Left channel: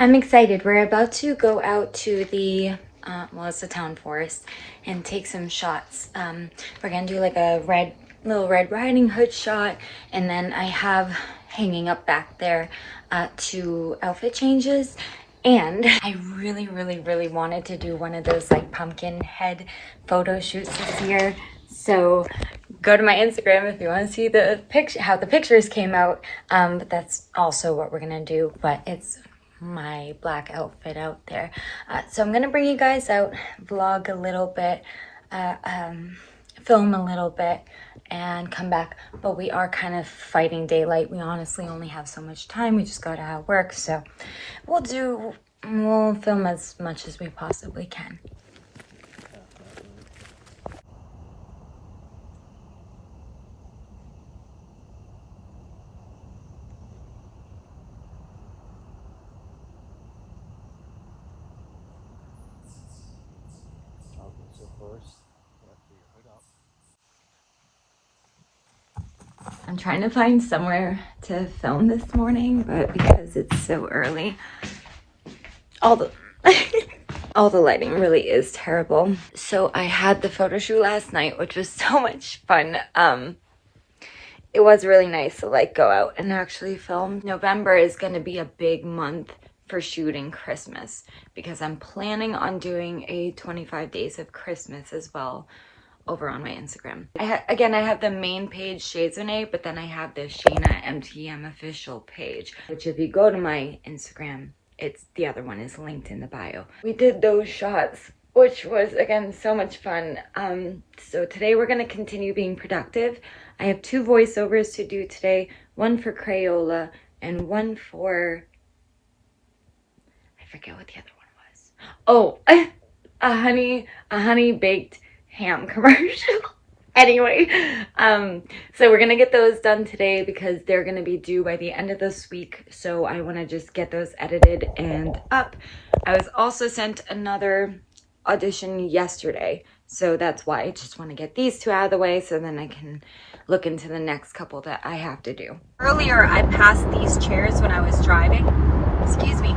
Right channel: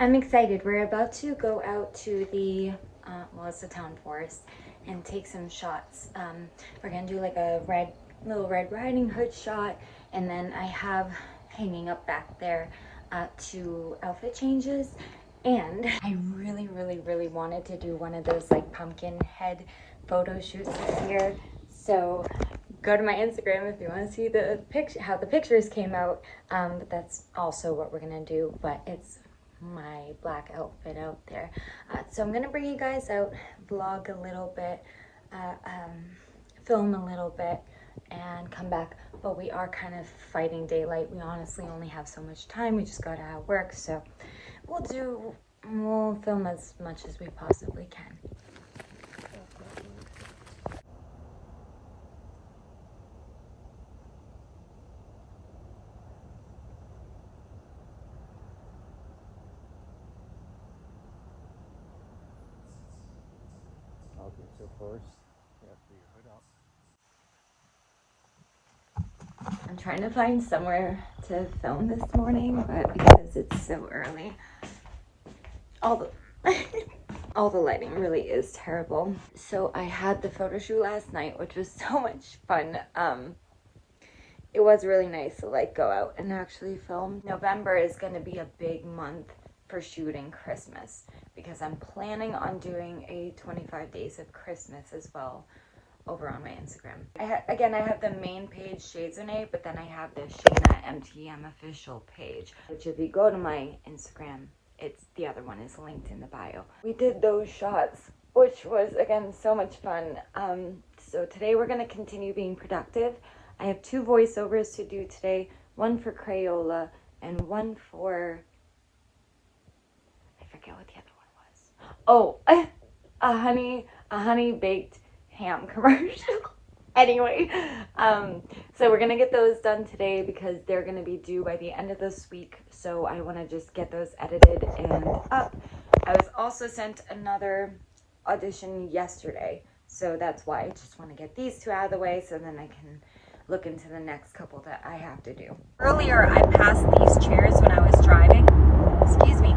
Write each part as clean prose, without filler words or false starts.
I'm excited. We're about to go out to the, well, it's the town forest and take some shots. We're gonna do like a little Red Riding Hood shot, and then I have hanging up back there 2 outfit changes. And I really wanted to do one of those like pumpkin head photo shoots this year. So go to my Instagram if you want to see the picture, how the pictures came out. But that's also what we're gonna do. But it's my black outfit out there. So I'm gonna bring you guys out, vlog a little bit, film a little bit, and come back. But we are kind of fighting daylight. We honestly only have so much time. We just got out of work, so we'll film as much as we possibly can. I'm trying to find somewhere to film this morning, but because it's so early, all the lighting really is terrible. So I had the photo shoot last night, which was so much fun. It was really nice to like go out and actually film. November is going to be a big month for shooting Christmas because I'm planning on doing a 25 days of Christmas as well over on my Instagram. Again, I have the main page, Shades Renee, but then I have the Shayna MTM official page, which if you go to my Instagram, the other one is linked in the bio. We did those shots, which was, again, so much fun. So today we're going to continue being productive. I have 2 voiceovers to do today, one for Crayola and one for, I forget what the other one was. Oh, a honey baked ham commercial. Anyway, so we're gonna get those done today because they're gonna be due by the end of this week, so I want to just get those edited and up. I was also sent another audition yesterday, so that's why I just want to get these 2 out of the way so then I can look into the next couple that I have to do. Earlier I passed these chairs when I was driving, excuse me,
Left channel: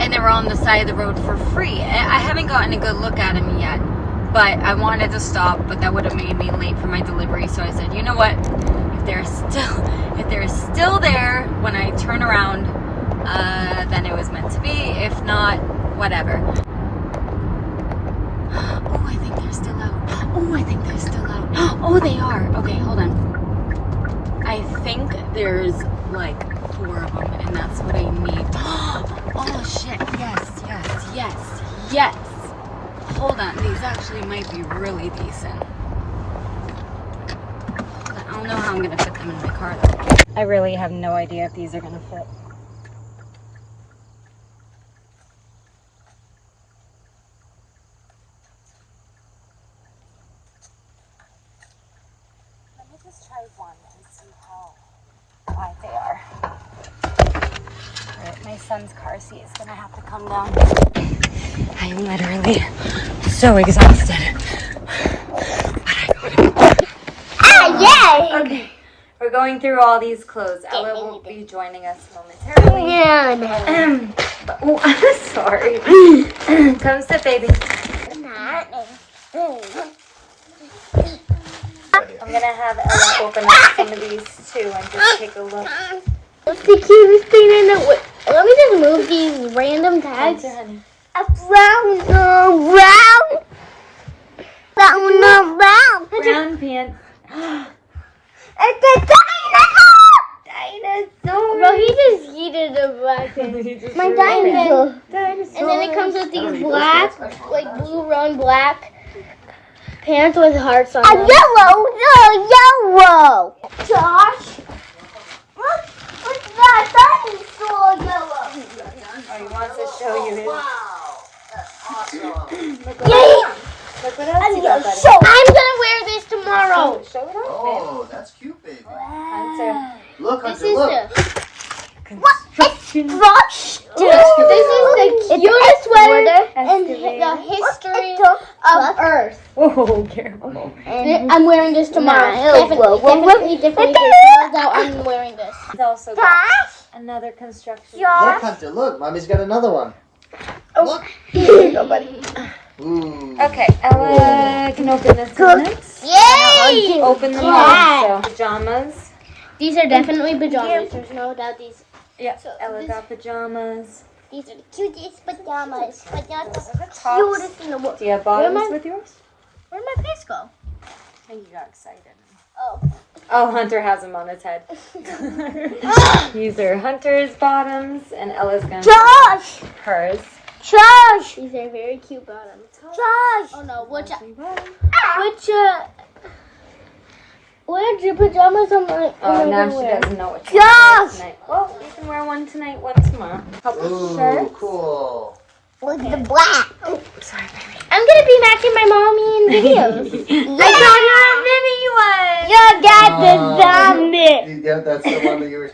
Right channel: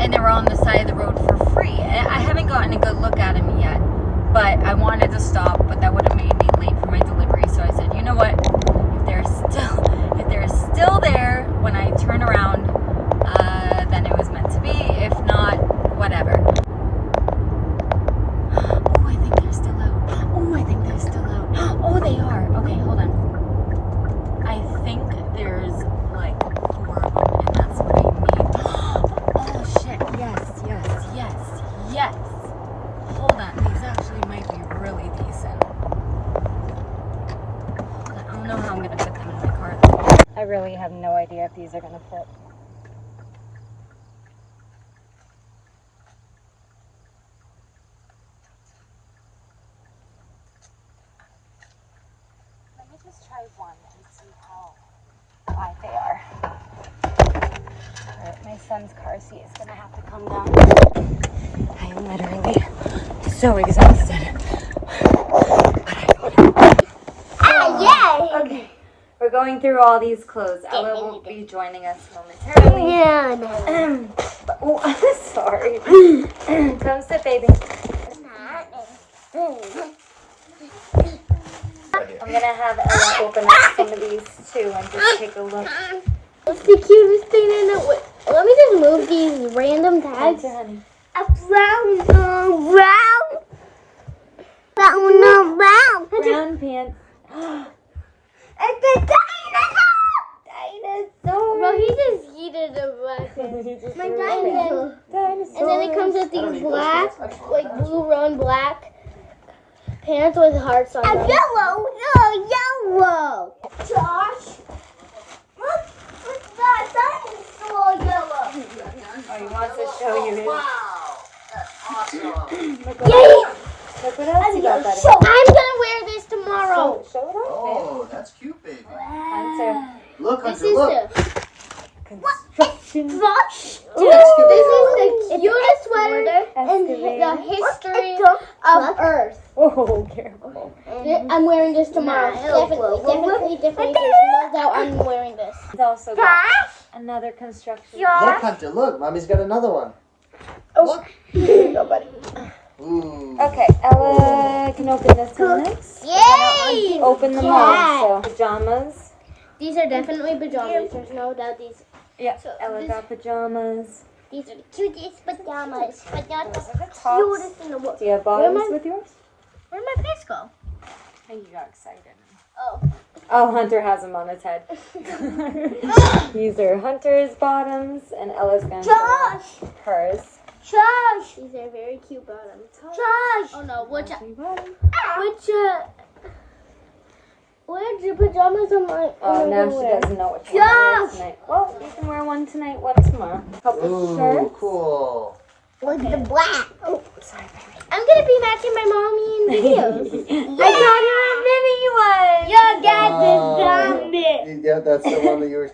and they were on the side of the road for free. I haven't gotten a good look at them yet, but I wanted to stop, but that would have made me late for my delivery. So I said, you know what? If they're still there when I turn around, then it was meant to be. If not, whatever. Oh, I think they're still out. Oh, I think they're still out. Oh, they are. Okay, hold on. I think there's like 4 of them, and that's what I need. Oh shit, yes. Hold on, these actually might be really decent. Hold on, I don't know how I'm gonna fit them in my car though. I really have no idea if these are gonna fit. Let me just try one and see how wide they are. My son's car seat is gonna have to come down. I am literally so exhausted. But I got it. Yay! Okay, we're going through all these clothes. Ella will be joining us momentarily. Yeah. Oh, sorry. Come sit, baby. I'm gonna have Ella open up some of these too and just take a look. What's the cutest thing in the way? Let me just move these random tags. Brown pants. It's a dinosaur! Bro, he just yeeted a black pants. My dinosaur. And then it comes with these black, like blue run black pants with hearts on them. Yellow! Josh! What's that dinosaur yellow? He wants to show you his. Wow! That's awesome! Look what else you got, buddy. I'm gonna wear this tomorrow. Show it off. Oh, that's cute, baby. Hunter. Look, This Hunter, is look. Construction. This is the cutest sweater in the history of Earth. Oh, careful. I'm wearing this tomorrow. Definitely. No doubt I'm wearing this. It's also Another construction. Look, Hunter, look. Mommy's got another one. Oh. Look. Here you go, buddy. Ooh. Okay, Ella can open this one next. Yay! Open them all. So, pajamas. These are definitely pajamas. There's no doubt these. Yeah, So Ella's got pajamas. These are the cutest pajamas. But not the Tops. cutest in the world. Do you have bottoms with yours? Where'd my face go? I think you got excited. Oh. Oh, Hunter has them on his head. These are Hunter's bottoms, and Ella's gonna Josh! hers. Josh! These are very cute bottoms. Josh! Oh no, where's your pajamas on my Oh, now she doesn't know what to wear Josh! tonight. Well, you can wear one tonight, one tomorrow. Couple Ooh, shirts. cool. With the black. Oh, sorry, baby. I'm gonna be matching my mommy in videos. I got you a mini one. You got the zombie. Yeah, that's the one that you were.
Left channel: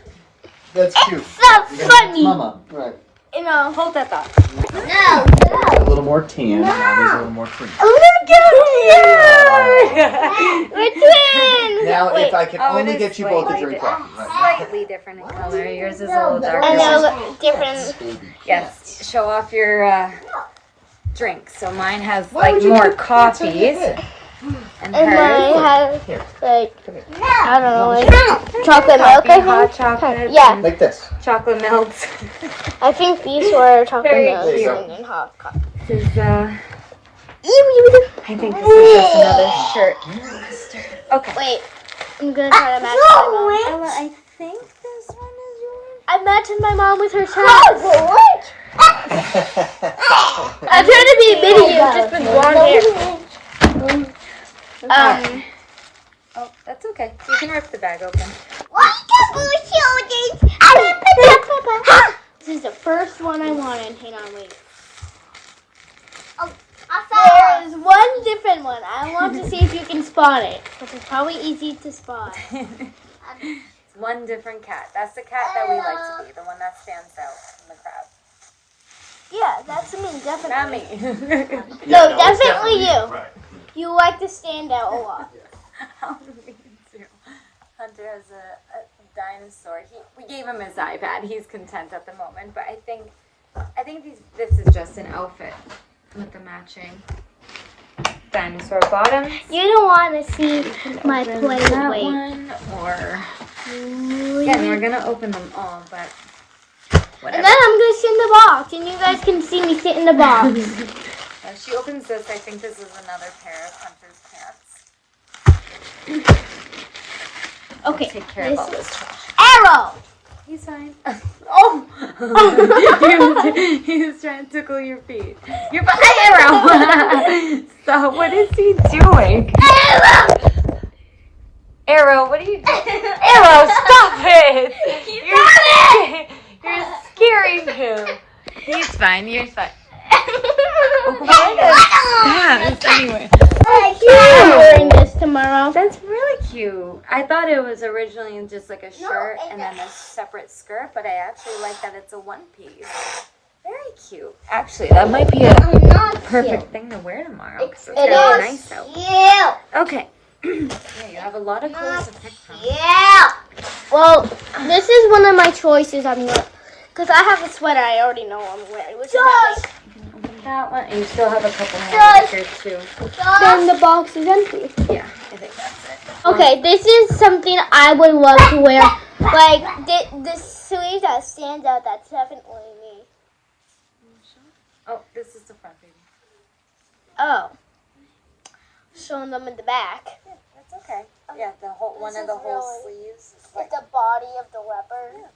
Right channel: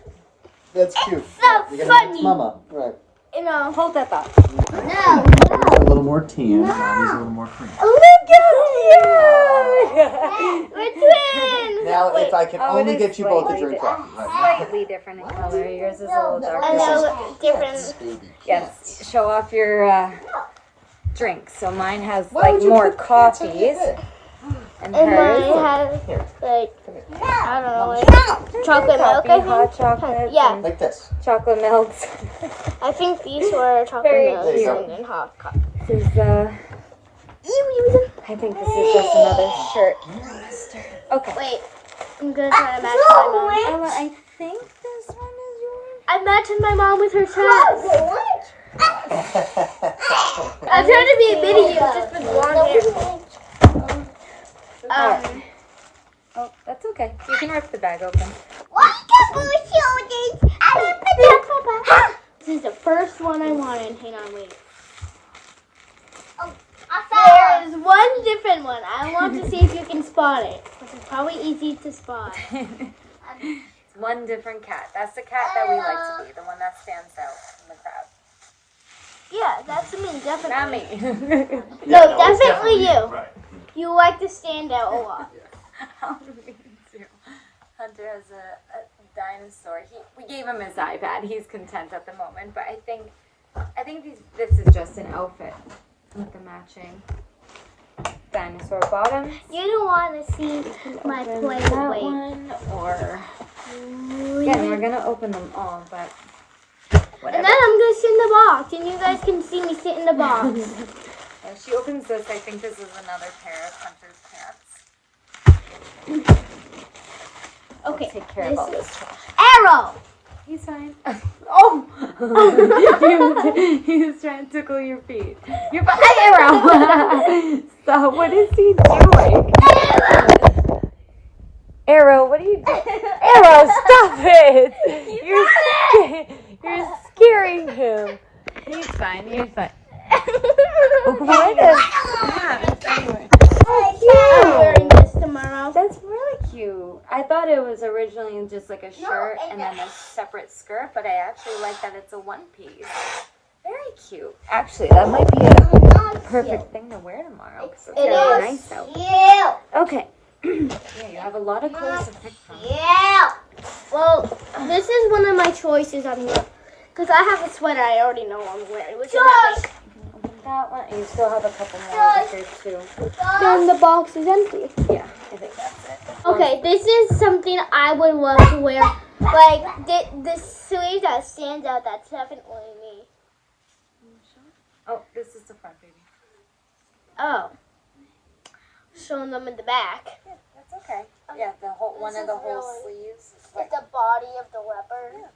That's cute. So funny. Mama. Right. You know. Hold that thought. No. A little more tan. Mommy's a little more cream. Look at you. We're twins. Now, Wait. if I could Oh, it only is get you both a slightly drink different. coffee. Right. Slightly different in color. Yours is a little darker. I know, different. Yes, show off your drinks. So mine has Why like would you more put cats on your coffees. head? And And hers. mine has like I don't know, like chocolate milk. Coffee, I hot think. chocolate. Yeah. and Like this. chocolate milks. I think these were chocolate Very milk cute. and then hot coffee. This is, I think this is just another shirt. Okay. Wait, I'm gonna try to match my mom. Ella, I think this one is yours. I'm matching my mom with her shirt. I'm trying to be a video just with blonde hair. Oh, that's okay. You can rip the bag open. This is the first one I wanted. Hang on, wait. There is one different one. I want to see if you can spot it. This is probably easy to spot. One different cat. That's the cat that we like to be, the one that stands out in the crowd. Yeah, that's me, definitely. Not me. No, definitely you. Right. You like to stand out a lot. Me too. Hunter has a dinosaur. We gave him his iPad. He's content at the moment, but I think this is just an outfit with the matching dinosaur bottoms. You don't want to see my Open play that weight. one, or again, we're gonna open them all, but And then I'm going to sit in the box, and you guys can see me sit in the box. when she opens this, I think this is another pair of Hunter's pants. Okay, Take care of all this this is trash. Arrow. He's fine. Oh! he was trying to tickle your feet. You're fine, Arrow! So, what is he doing? Arrow, what are you doing? Arrow, stop it! You're scaring him. He's fine, you're fine. Anyway. I'm wearing this tomorrow. That's really cute. I thought it was originally just like a shirt and then a separate skirt, but I actually like that it's a one piece. Very cute. Actually, that might be a perfect thing to wear tomorrow. 'Cause it's gonna be nice out. Yeah. Okay. Yeah, you have a lot of clothes to pick from. Yeah. Well, this is one of my choices. I'm gonna, cause I have a sweater I already know I'm wearing, which is not my. Open that one, and you still have a couple more here too. Then the box is empty. Yeah, I think that's it. Okay, this is something I would love to wear. Like the sleeve that stands out. That's definitely me. Oh, this is the front, baby. Oh, showing them in the back. That's okay. Yeah, the whole one of the whole sleeves. Is like, It's the body of the leopard.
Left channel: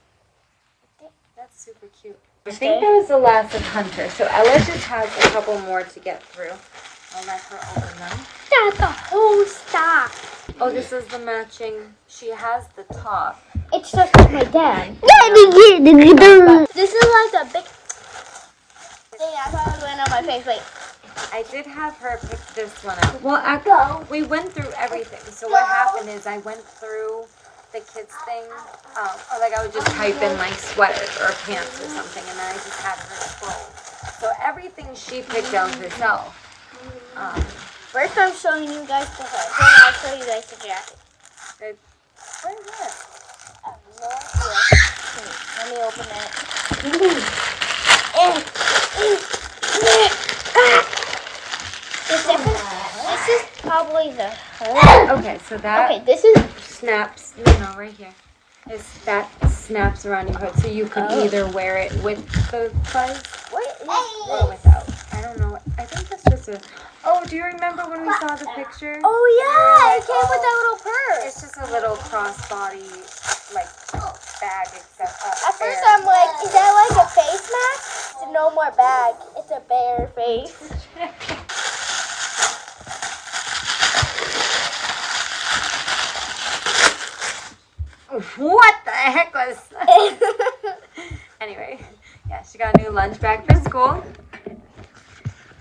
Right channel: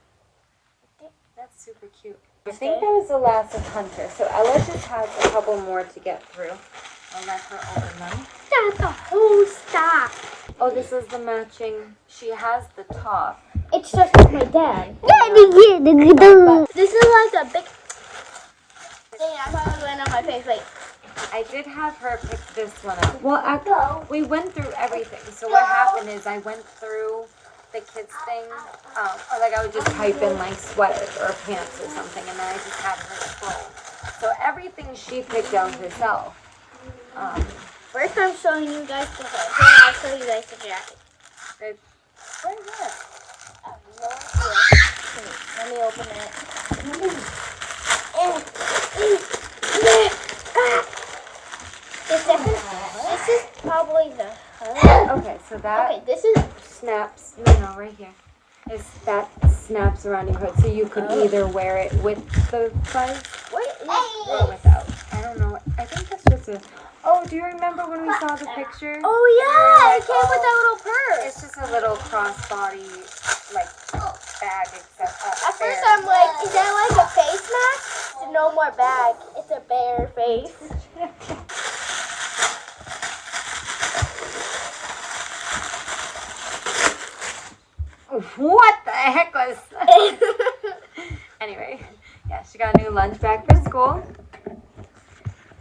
that's super cute. I think that was the last of Hunter, so Ella just has a couple more to get through. I'll let her open them. That's the whole stuff. Oh, this is the matching. She has the top. It's just like my dad. This is like a big. Hey, I probably went on my face. Wait. I did have her pick this one up. Well, we went through everything. So what happened is I went through the kids thing. Like I would just type in like sweaters or pants or something, and then I just had her scroll. So everything she picked out herself. First, I'm showing you guys the head. Then I'll show you guys the jacket. Where is that? Let me open it. This is probably the hood. Okay, so that Okay, this is snaps. No, right here. That snaps around your hood, so you can either wear it with the fuzz or without. I don't know. I think that's just a. Oh, do you remember when we saw the picture? Oh yeah, it came with that little purse. It's just a little crossbody like bag. At first I'm like, is that like a face mask? It's no more bag. It's a bare face. What the heck was? Anyway, yeah, she got a new lunch bag for school.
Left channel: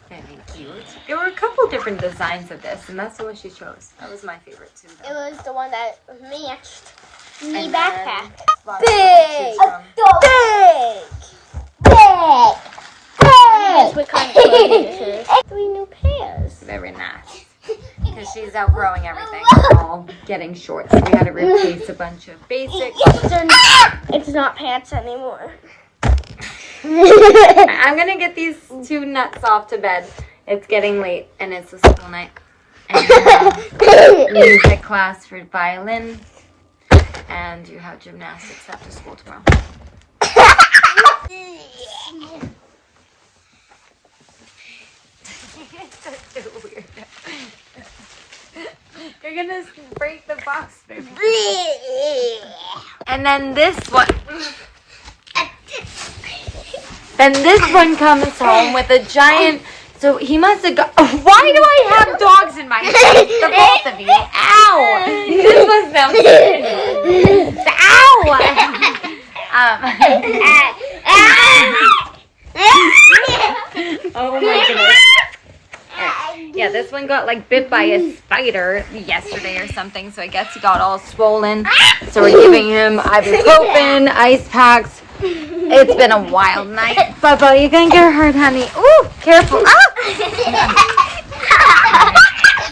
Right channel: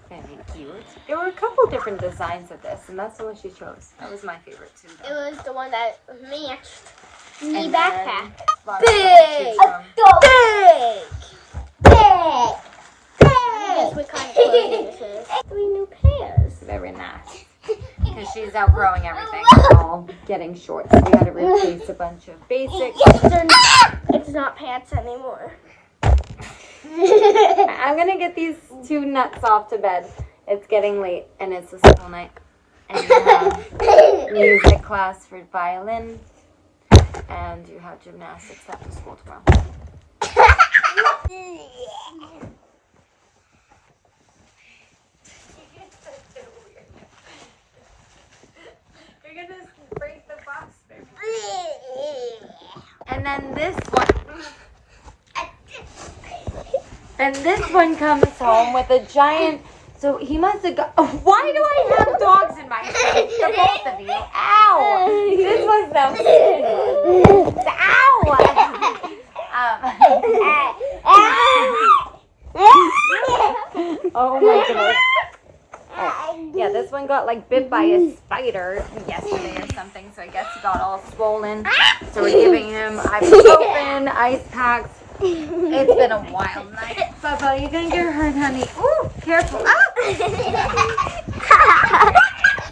Very cute. There were a couple different designs of this, and that's the one she chose. That was my favorite too. It was the one that matched me And backpack. then Big! Big! Big! Guess what kind of clothes this is. 3 new pairs. Very nice. Because she's outgrowing everything. All getting shorts. We had to replace a bunch of basics. It's not pants anymore. I'm gonna get these 2 nuts off to bed. It's getting late and it's a school night. And music class for violin. And you have gymnastics after school tomorrow. You're gonna break the box, baby. And then this one. Then this one comes home with a giant. So he must have got. Why do I have dogs in my face? The both of you. Ow! This was no. Ow! Oh my goodness. Yeah, this one got like bit by a spider yesterday or something, so I guess he got all swollen. So we're giving him ibuprofen, ice packs. It's been a wild night. Bubba, you're gonna get hurt, honey. Ooh, careful. Ah!